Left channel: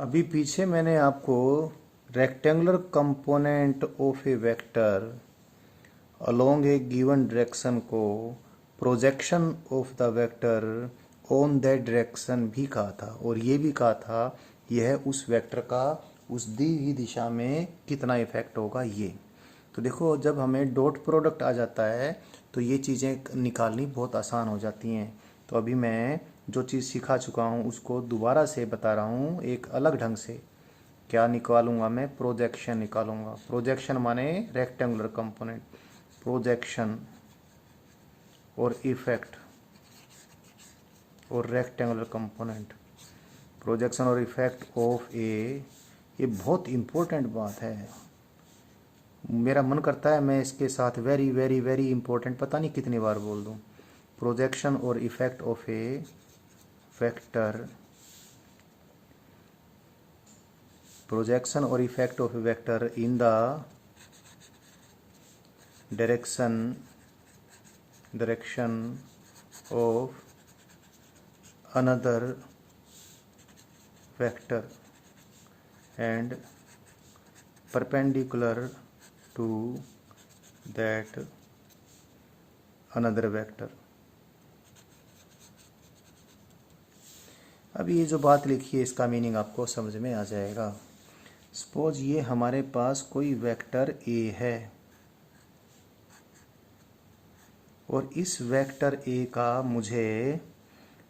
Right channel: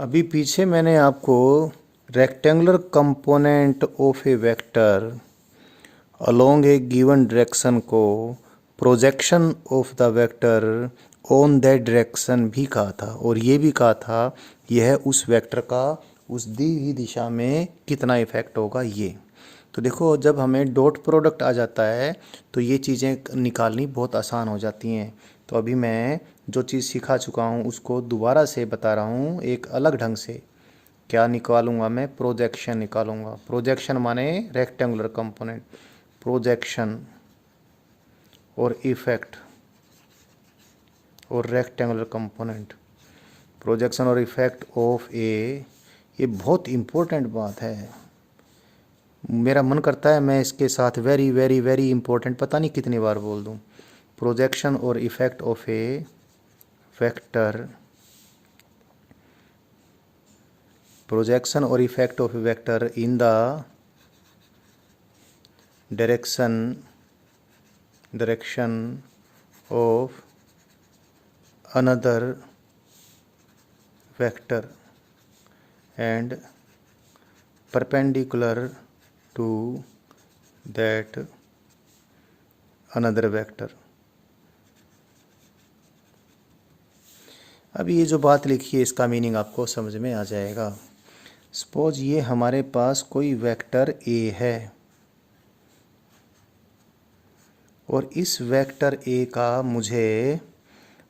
अभी पीछे मैंने आपको rectangular component of a vector along a given direction को projection of the vector on that direction भी कहा था, और ये भी कहा था यह उस वेक्टर का उस दी हुई दिशा में कितना इफेक्ट होगा। ये तो देखो, जब हमें डॉट प्रोडक्ट आ जाता है तो ये चीज़ें निकालनी बहुत आसान हो जाती हैं। तो अभी मैं जो चीज़ सिखा चुका हूँ उसको दोबारा से बता रहा हूँ एक अलग ढंग से। क्या निकालूंगा मैं? प्रोजेक्शन निकालूंगा। प्रोजेक्शन माने रेक्टेंगुलर कंपोनेंट। प्रोजेक्शन और इफेक्ट और रेक्टेंगुलर कंपोनेंट। प्रोजेक्शन और इफेक्ट ऑफ ए, ये बहुत इम्पोर्टेंट बात है। मेरा मन करता है मैं इसके साथ वेरी वेरी वेरी इंपॉर्टेंट पता नहीं कितनी बार बोल दूं। प्रोजेक्शन और effect of a vector. Projection और effect of a vector in the direction of another vector and perpendicular to that another vector। अब ये जो बात लिखी है इसका मीनिंग आपको समझ में आ जाएगा। सपोज ये हमारे पास कोई वेक्टर ए है और इस वेक्टर ए का मुझे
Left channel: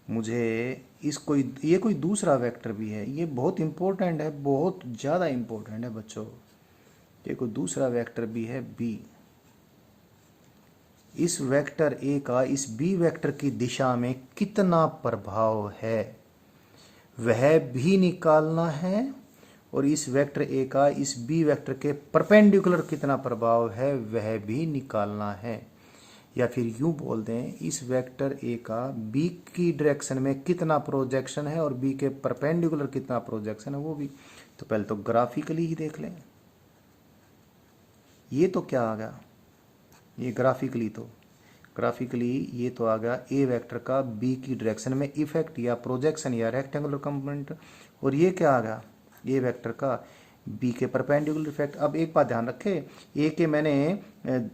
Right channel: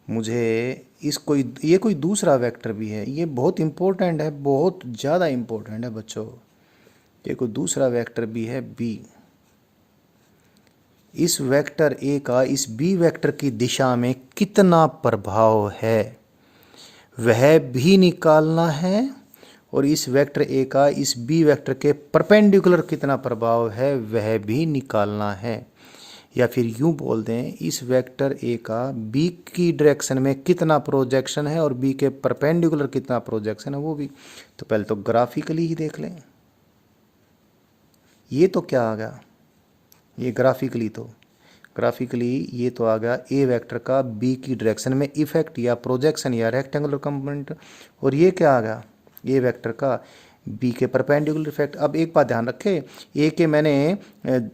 ये कोई दूसरा वेक्टर भी है। ये बहुत इम्पोर्टेंट है, बहुत ज़्यादा इम्पोर्टेंट है बच्चों। ये कोई दूसरा वेक्टर भी है बी। इस वेक्टर ए का इस बी वेक्टर की दिशा में कितना प्रभाव है वह भी निकालना है, और इस वेक्टर ए का इस बी वेक्टर के परपेंडिकुलर कितना प्रभाव है वह भी निकालना है। या फिर यूं बोल दें, इस वेक्टर ए का बी की डायरेक्शन में कितना प्रोजेक्शन है और बी के परपेंडिकुलर कितना प्रोजेक्शन है वो भी। तो पहले तो ग्राफिकली ही देख लें। ये तो क्या आ गया? ये ग्राफिकली ये तो आ गया ए वेक्टर का बी की डायरेक्शन में इफेक्ट या प्रोजेक्शन या रेक्टेंगुलर कंपोनेंट। और ये क्या आ गया? ए वेक्टर का बी के परपेंडिकुलर इफेक्ट। अब एक बात ध्यान रखें, ए के मैंने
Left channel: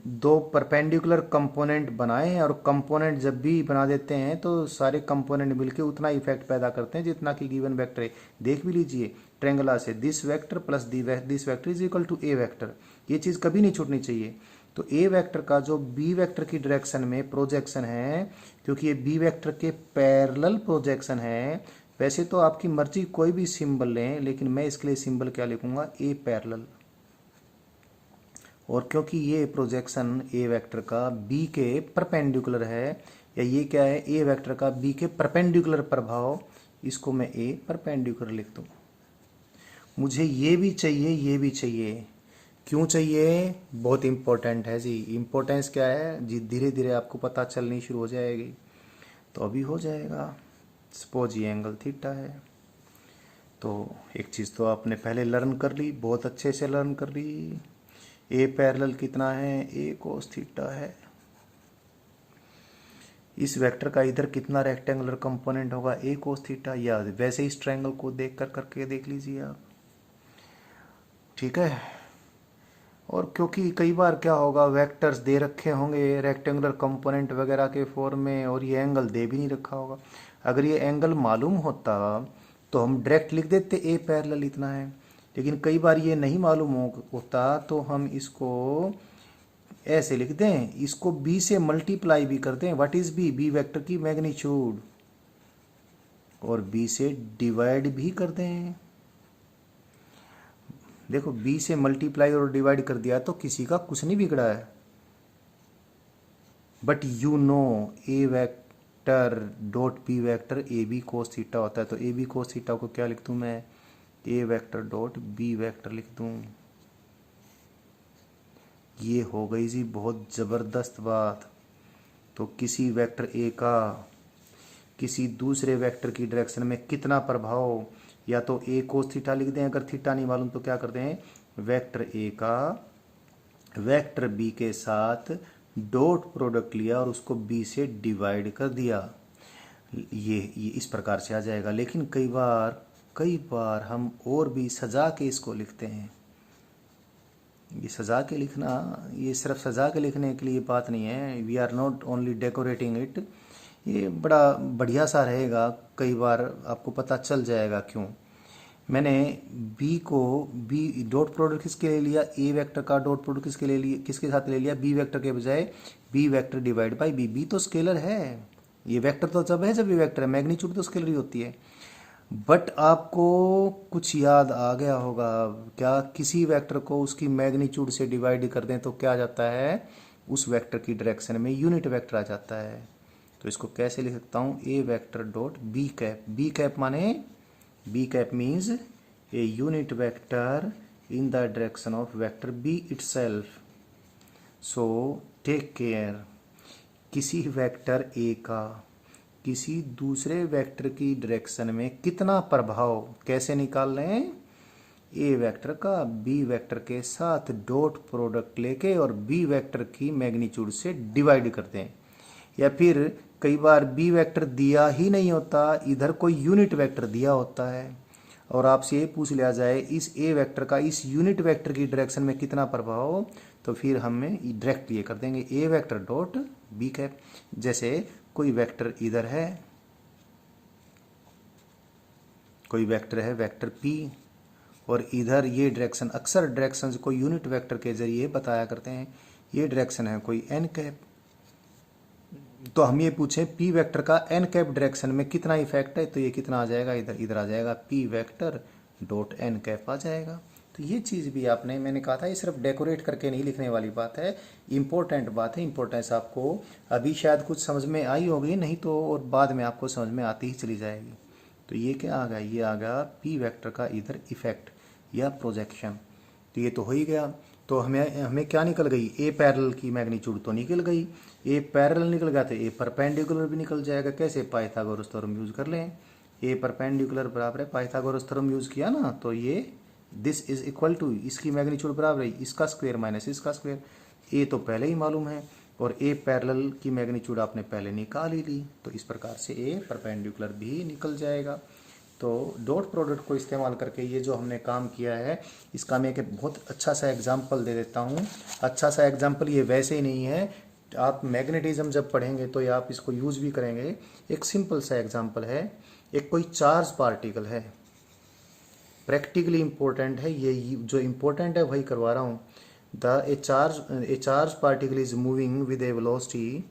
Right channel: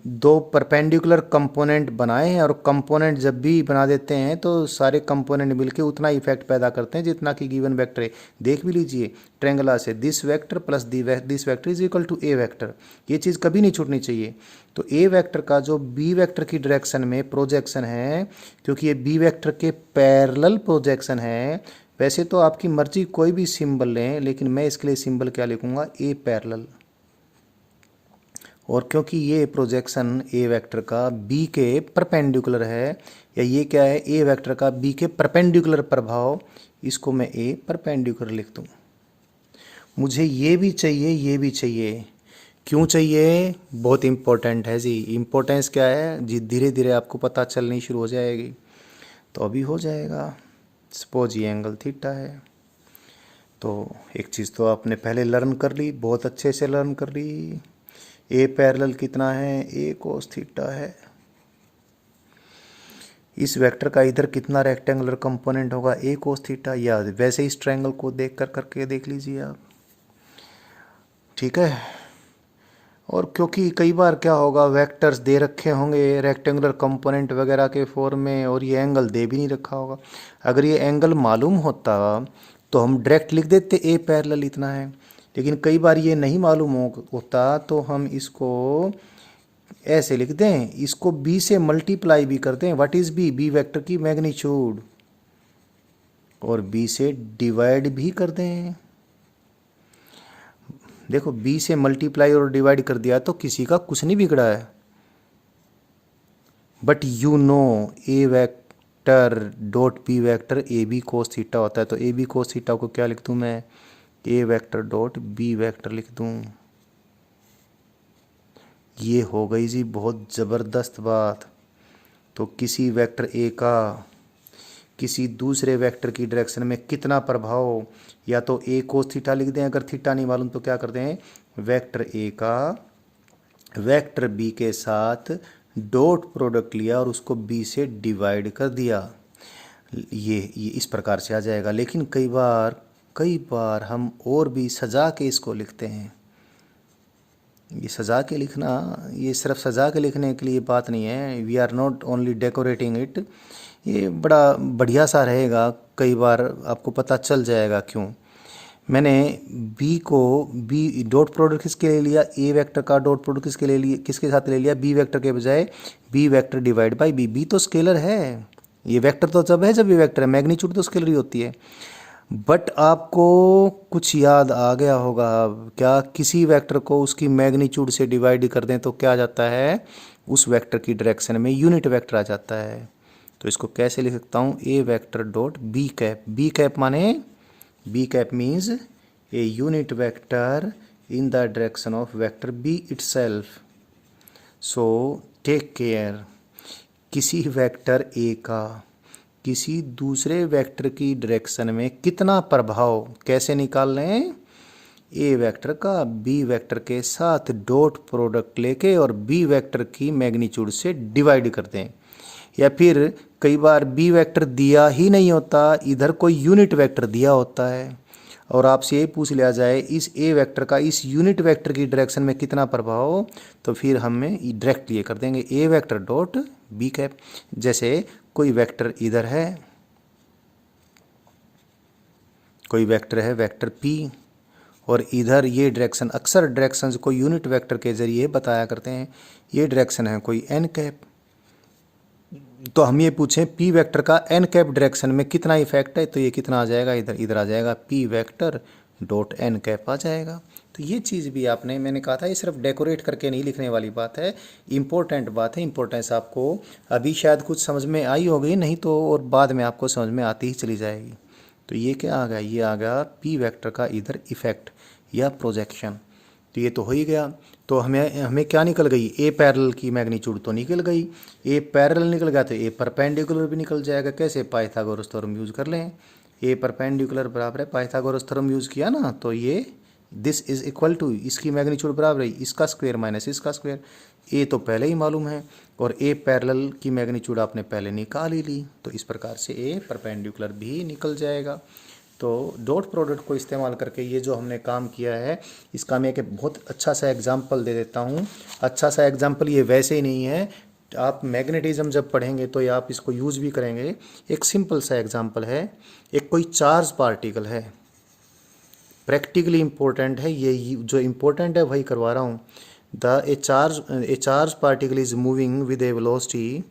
दो परपेंडिकुलर कंपोनेंट बनाए हैं, और कंपोनेंट जब भी बना देते हैं तो सारे कंपोनेंट मिलके उतना इफेक्ट पैदा करते हैं जितना कि गिवन वेक्टर है। देख भी लीजिए ट्रेंगला से, this vector plus this vector is equal to A vector. ये चीज़ कभी नहीं छूटनी चाहिए। तो ए वेक्टर का जो बी वेक्टर की डायरेक्शन में प्रोजेक्शन है, क्योंकि ये बी वेक्टर के पैरेलल प्रोजेक्शन है। वैसे तो आपकी मर्जी कोई भी सिंबल लें, लेकिन मैं इसके लिए सिंबल क्या लिखूंगा? ए पैरेलल। और क्योंकि ये प्रोजेक्शन ए वेक्टर का बी के परपेंडिकुलर है, या ये क्या है? ए वेक्टर का बी के परपेंडिकुलर प्रभाव, इसको मैं ए परपेंडिकुलर लिख दूँ। मुझे ये भी चाहिए, ये भी चाहिए। क्यों चाहिए? बहुत इम्पोर्टेंट है जी। इम्पोर्टेंस क्या है जी? धीरे धीरे आपको पता चलनी शुरू हो जाएगी। तो अभी हो जाएगा। सपोज ये एंगल थीटा है, तो एक चीज़ तो आपने पहले लर्न कर ली, बहुत अच्छे से लर्न कर ली। ए पैरेलल कितना है? ए कोस थीटा है। इस वेक्टर का इधर कितना रेक्टेंगुलर कंपोनेंट होगा? ए कोस थीटा। या वैसे इस ट्रायंगल को देख करके देख लीजिए आप, ठीक है। और क्योंकि कई बार क्या होगा, वेक्टर्स दे रखे होंगे रेक्टेंगुलर कंपोनेंट वगैरह के फॉर्म में, और ये एंगल दे भी नहीं रखा होगा। अगर ये एंगल मालूम होता तो हम डायरेक्ट लिख देते ए पैरेलल इतना है। लेकिन कई बार ये नहीं मालूम होता तो हम इसको ऐसे लिख दें, इसको बी से मल्टीप्लाई भी कर दें। What is B? B vector की मैग्नीट्यूड। और बी से डिवाइड भी कर दें। देखो, बी से मल्टीप्लाई और डिवाइड कर दिया तो किसी का कुछ नहीं बिगड़ा है। But you know A vector dot B vector A B cos theta होता है। तो ए बी कोस थीटा को क्या लिख दूँ मैं? ए वेक्टर डॉट बी वेक्टर लिख दूँ। ये हो गई जी बहुत ज़बरदस्त बात। तो किसी वेक्टर ए का किसी दूसरे वेक्टर की डायरेक्शन में कितना प्रभाव, या तो ए कोस थीटा लिख दें, अगर थीटा नहीं मालूम तो क्या कर दें? वेक्टर ए का वेक्टर बी के साथ डॉट प्रोडक्ट लिया और उसको बी से डिवाइड कर दिया। ये इस प्रकार से आ जाएगा। लेकिन कई बार कई बार हम और भी सजा के इसको लिखते हैं। ये सजा के लिखना, ये सिर्फ सजा के लिखने के लिए बात नहीं है। We are not only decorating it. ये बड़ा बढ़िया सा रहेगा, कई बार आपको पता चल जाएगा क्यों। मैंने बी को, बी डॉट प्रोडक्ट किसके लिए लिया, ए वेक्टर का डॉट प्रोडक्ट किसके लिए लिया, किसके साथ ले लिया, बी वेक्टर के बजाय B vector divide by B. B तो स्केलर है, ये वेक्टर तो जब है जब ये वेक्टर है, मैग्नीट्यूड तो स्केलर ही होती है। बट आपको कुछ याद आ गया होगा क्या, किसी वेक्टर को उसकी मैग्नीट्यूड से डिवाइड कर दें तो क्या आ जाता है, उस वेक्टर की डायरेक्शन में यूनिट वेक्टर आ जाता है। तो इसको कैसे लिख सकता हूँ, A vector dot B cap. B cap माने, B cap means a unit vector in the direction of vector B itself. So take care, किसी वेक्टर ए का किसी दूसरे वेक्टर की डायरेक्शन में कितना प्रभाव कैसे निकाल रहे हैं, ए वेक्टर का बी वेक्टर के साथ डॉट प्रोडक्ट लेके और बी वेक्टर की मैग्नीट्यूड से डिवाइड करते हैं। या फिर कई बार बी वेक्टर दिया ही नहीं होता, इधर कोई यूनिट वेक्टर दिया होता है और आपसे ये पूछ लिया जाए इस ए वेक्टर का इस यूनिट वेक्टर की डायरेक्शन में कितना प्रभाव, तो फिर हमें डायरेक्ट ये कर देंगे ए वेक्टर डॉट बी कैप। जैसे कोई वेक्टर इधर है, कोई वेक्टर है वेक्टर पी, और इधर ये डायरेक्शन, अक्सर डायरेक्शन को यूनिट वेक्टर के जरिए बताया करते हैं। ये डायरेक्शन है कोई एन कैप, तो हम ये पूछें पी वेक्टर का एन कैप डायरेक्शन में कितना इफेक्ट है, तो ये कितना आ जाएगा, इधर इधर आ जाएगा P vector dot N cap आ जाएगा। तो ये चीज़ भी आपने, मैंने कहा था ये सिर्फ डेकोरेट करके नहीं लिखने वाली बात है, इंपॉर्टेंट बात है। इंपॉर्टेंस आपको अभी शायद कुछ समझ में आई होगी, नहीं तो और बाद में आपको समझ में आती ही चली जाएगी। तो ये क्या आ गया, ये आ गया पी वेक्टर का इधर इफेक्ट या प्रोजेक्शन। तो ये तो हो ही गया। तो हमें हमें क्या निकल गई, ए पैरेलल की मैग्नीट्यूड तो निकल गई। ए पैरेलल निकल गया तो ए परपेंडिकुलर भी निकल जाएगा। कैसे, पाइथागोरस थ्योरम यूज कर लें। ए परपेंडिकुलर बराबर है, पाइथागोरस थ्योरम यूज किया ना, तो ये दिस इज इक्वल टू, इसकी मैग्नीट्यूड बराबर है इसका स्क्वायर माइनस इसका स्क्वायर। ए तो पहले ही मालूम है और ए पैरेलल की मैग्नीट्यूड आपने पहले निकाल ही ली, तो इस प्रकार से ए परपेंडिकुलर भी निकल जाएगा। तो डॉट प्रोडक्ट को इस्तेमाल करके ये जो हमने काम किया है, इसका मैं एक बहुत अच्छा सा एग्जांपल दे देता हूँ। अच्छा सा एग्जांपल ये वैसे ही नहीं है, आप मैग्नेटिज्म जब पढ़ेंगे तो ये आप इसको यूज़ भी करेंगे। एक सिंपल सा एग्जांपल है, एक कोई चार्ज पार्टिकल है, प्रैक्टिकली इम्पोर्टेंट है, ये जो इम्पोर्टेंट है वही करवा रहा हूँ। ए charge particle is moving with A velocity,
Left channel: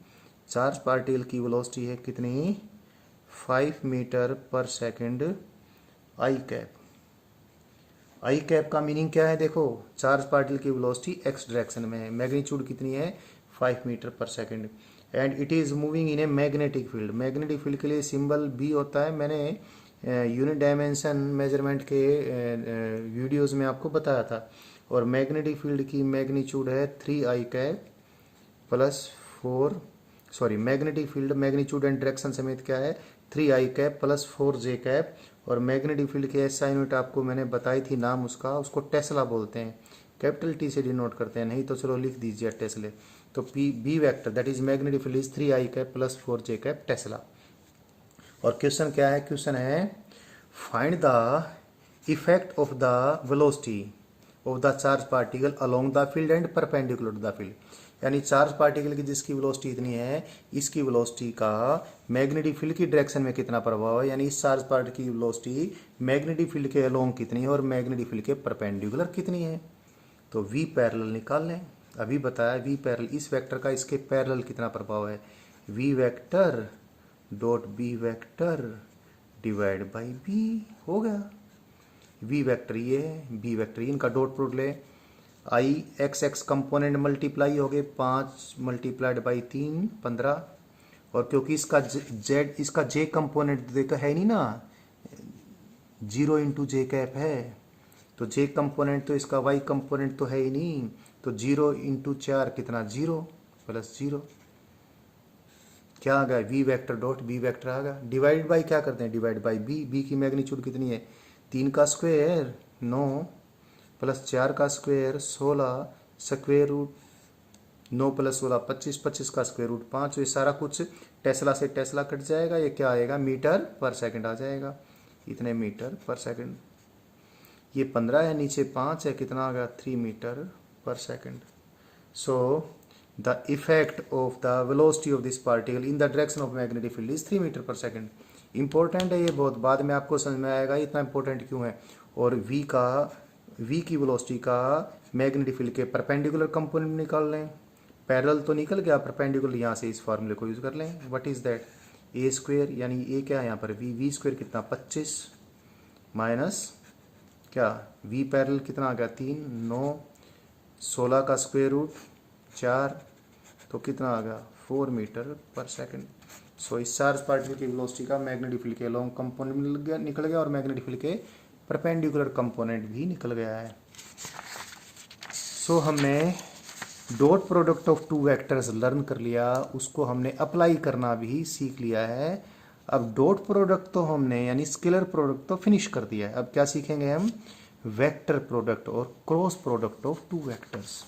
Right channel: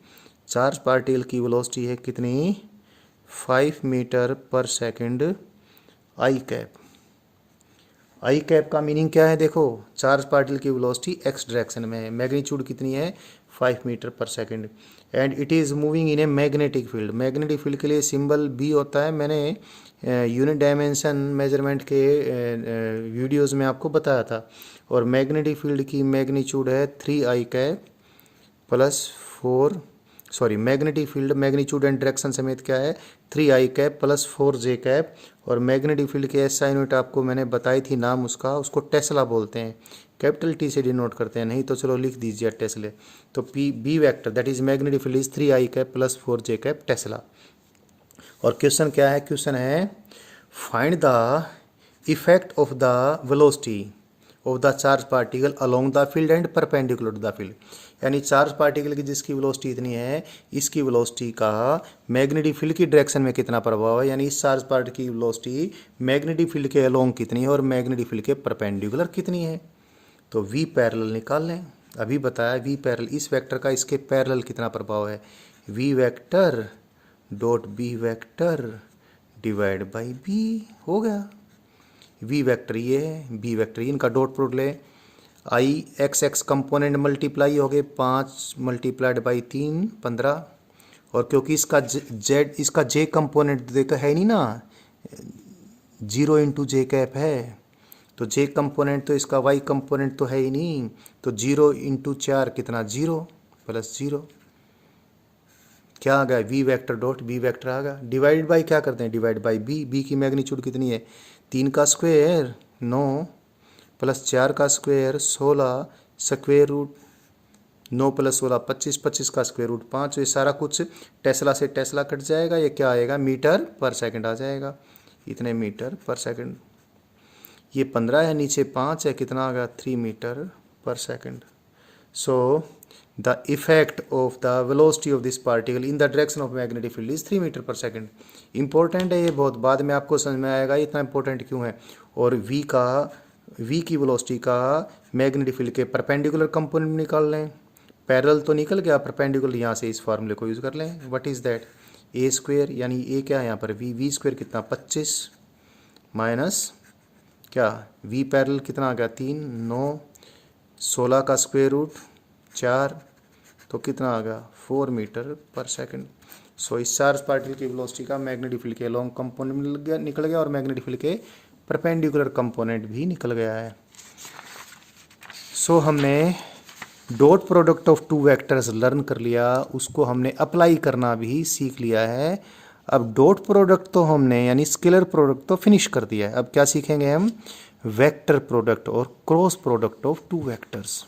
charge particle की वेलोसिटी है कितनी, 5 मीटर पर सेकंड आई कैप। आई कैप का मीनिंग क्या है, देखो चार्ज पार्टिकल की वेलोसिटी एक्स डायरेक्शन में है, मैग्नीट्यूड कितनी है 5 metre per second, and it is moving in a magnetic field. Magnetic field के लिए सिंबल बी होता है, मैंने यूनिट डायमेंशन मेजरमेंट के वीडियोस में आपको बताया था। और मैग्नेटिक फील्ड की मैग्नीट्यूड है 3 I cap plus 4, sorry magnetic field magnitude and direction समेत क्या है 3 I cap plus 4 J cap. और मैग्नेटिक फील्ड के एसआई यूनिट आपको मैंने बताई थी नाम उसका, उसको टेस्ला बोलते हैं, कैपिटल टी से डिनोट करते हैं, नहीं तो चलो लिख दीजिए टेस्ले। तो P B vector that is magnetic field is 3 I cap plus 4 J cap tesla. और क्वेश्चन क्या है, क्वेश्चन है find the effect of the velocity of the charge particle along the field and perpendicular to the field. यानी charge particle की जिसकी velocity इतनी है, इसकी वेलोसिटी का मैग्नेटिक फील्ड की डायरेक्शन में कितना प्रभाव है, यानी इस चार्ज पार्टिकल की वेलोसिटी मैग्नेटिक फील्ड के अलोंग कितनी है और मैग्नेटिक फील्ड के परपेंडिकुलर कितनी है। तो वी पैरेलल निकाल लें, अभी बताया वी पैरेलल, इस वेक्टर का इसके पैरेलल कितना प्रभाव है, V vector dot B vector divide by B हो गया। वी वेक्टर ये है, बी वेक्टर इनका डॉट प्रोडक्ट ले, I X X component multiply हो गए 5 मल्टीप्लाइड बाई 3 15, और क्योंकि इसका जेड इसका जे कंपोनेंट देखो है नहीं ना, 0 इंटू जे कैप है, तो जे कंपोनेंट तो इसका वाई कंपोनेंट तो है ही नहीं, तो 0 इंटू 4 कितना 0 प्लस 0, क्या आ गया V vector dot B vector आ गया। डिवाइड बाई क्या करते हैं, डिवाइड बाई बी, बी की मैग्नीट्यूड कितनी है 3 का स्क्वायर 9 प्लस 4 का स्क्वायर 16 स्क्वायर रूट 9 प्लस 16 25, 25 का स्क्वायर रूट 5। ये सारा कुछ टेस्ला से टेस्ला कट जाएगा, ये क्या आएगा मीटर पर सेकंड आ जाएगा। इतने मीटर पर सेकंड। ये 15 है, नीचे 5 है, कितना आ गया 3 metre per second. So the effect of the velocity of this particle in the direction of magnetic field is 3 metre per second. Important है ये बहुत, बाद में आपको समझ में आएगा इतना इंपॉर्टेंट क्यों है। और v की वेलोसिटी का मैग्नेटिक फील्ड के परपेंडिकुलर कंपोनेंट निकाल लें। पैरेलल तो निकल गया, परपेंडिकुलर यहाँ से इस फार्मूले को यूज़ कर लें। What is that, A square, यानी ए क्या है यहाँ पर वी स्क्वेयर कितना 25 माइनस क्या वी पैरेलल कितना आ गया 3, 9, 16 का स्क्वायर रूट 4, तो कितना आ गया 4 मीटर पर सेकंड। सो इस चार्ज पार्टिकल की वेलोसिटी का मैग्नेटिक फील्ड के लॉन्ग कंपोनेंट निकल गया और मैग्नेटिक फील्ड के परपेंडिकुलर कंपोनेंट भी निकल गया है। सो हमने dot product of two vectors learn कर लिया, उसको हमने अप्लाई करना भी सीख लिया है। अब डॉट प्रोडक्ट तो हमने यानी स्केलर प्रोडक्ट तो फिनिश कर दिया है। अब क्या सीखेंगे हम, वेक्टर प्रोडक्ट और cross product of two vectors.